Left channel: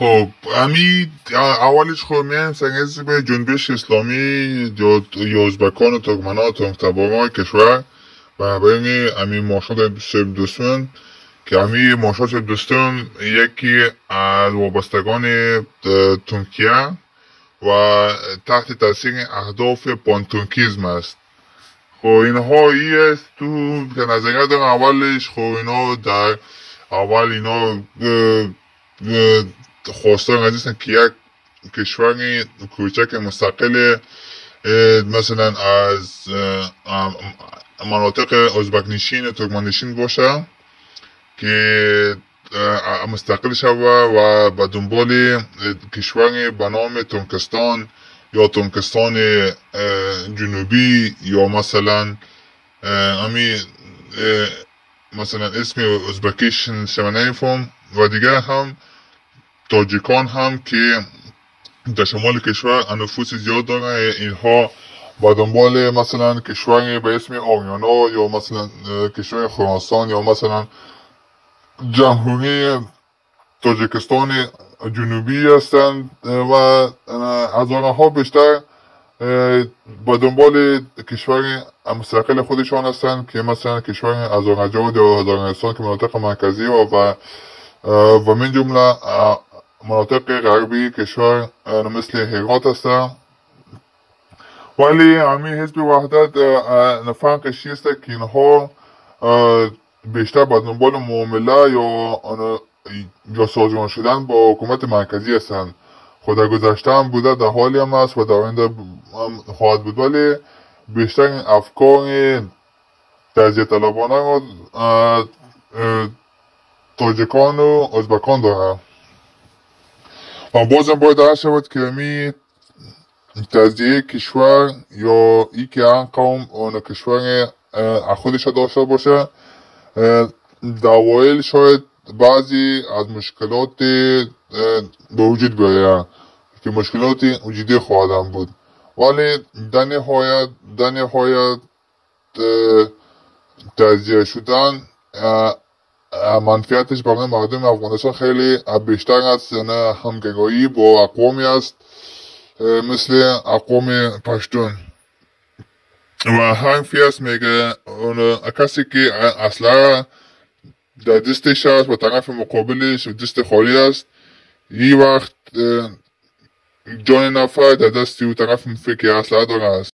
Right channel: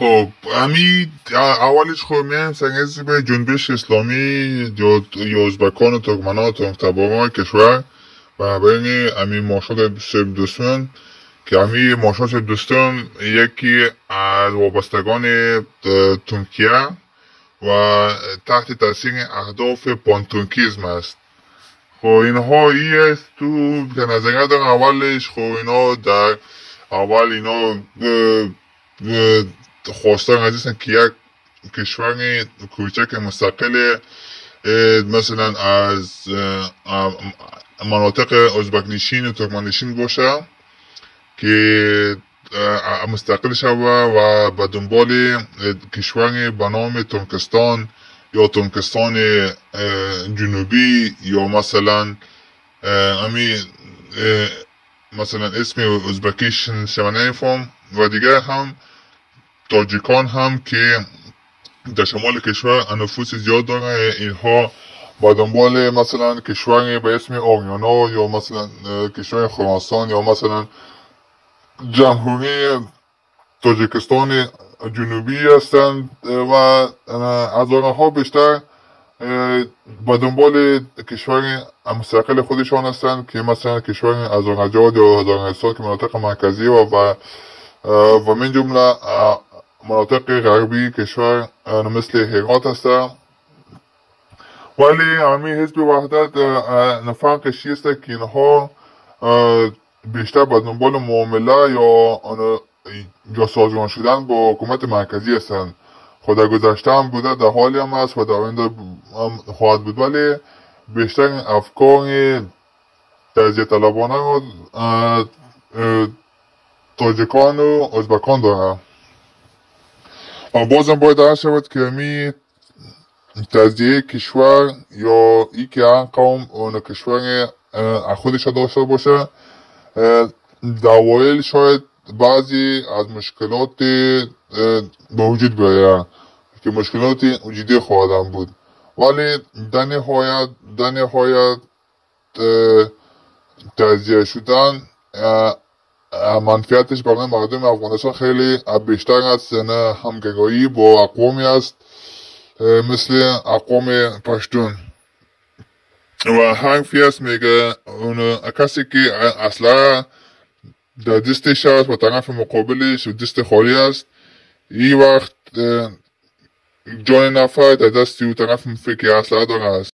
خب امی اولش خب میایم سنگیزی به جنبش اسلامی یا ازبکان و ترکمنان و تباران کشور و بین امی مارشال سرب دوستان که امی مارشال سرب دوستان یکی از وابستگان ترکیه و تحت تاثیر اهداف پانترکیزم است. خب اینها است تو که نظریه در اولش خب اینا در اول اینا خواستن هستن که یک کشور کوچک مستقل مثلا از مناطق ازبک نشین و ترکمن نشین باشه که مستقل شوه و به دنبال کشور به نام ترکستان یا ترکستان جنوبی یا مثلا مثلا اسم ازبکیش نمیفهم و دیگر هم تاجیکان هم که در شمال کشور نفوس زیاد دارن. اینها با دنبال مثلا کشور به اسم آریانا یا مثلا کشور خراسان یا مثلا جمهوری تاجیکستان جنوبی هستند و از آنها بیشتر با دنبال کشور مستقل خودشان هستند که مثلا کشور آذربایجان یا ازربایجان که مناطق مرکزی و من جمله مناطق غربی کشور مثل هرات هستند. ولی همین حزب وحدت فرقش است که اینها بیشتر با دنبال معامله یا سازگار شدن با حکومت مرکزی هستند. خود در گذشته هم بوده، در حالی هم هست و در آینده هم خواهد بود، ولی بیشتر افکار تجزیه طلبانه رو تاجیکان و ازبکان دارن و بازم باید عرض شود که می تجزیه کشور یا ای که هر قوم اون کشور خودش داشته باشه در اوایل شاید بعضی از مشکلات به وجود بیاید که مشکلات وجودی خواهدن بود، ولی در نهایت تجزیه شدن منفعتش برای مردم افغانستان خیلی بیشتر از همگرایی با اقوامی است مثل اقوام پشتون و حرفی است میگه اون کسی که اصلا در دستش است و طرف مقابلش دست خالی است، این وقت جان نفر در دستی و طرف فکر اصلا داره است.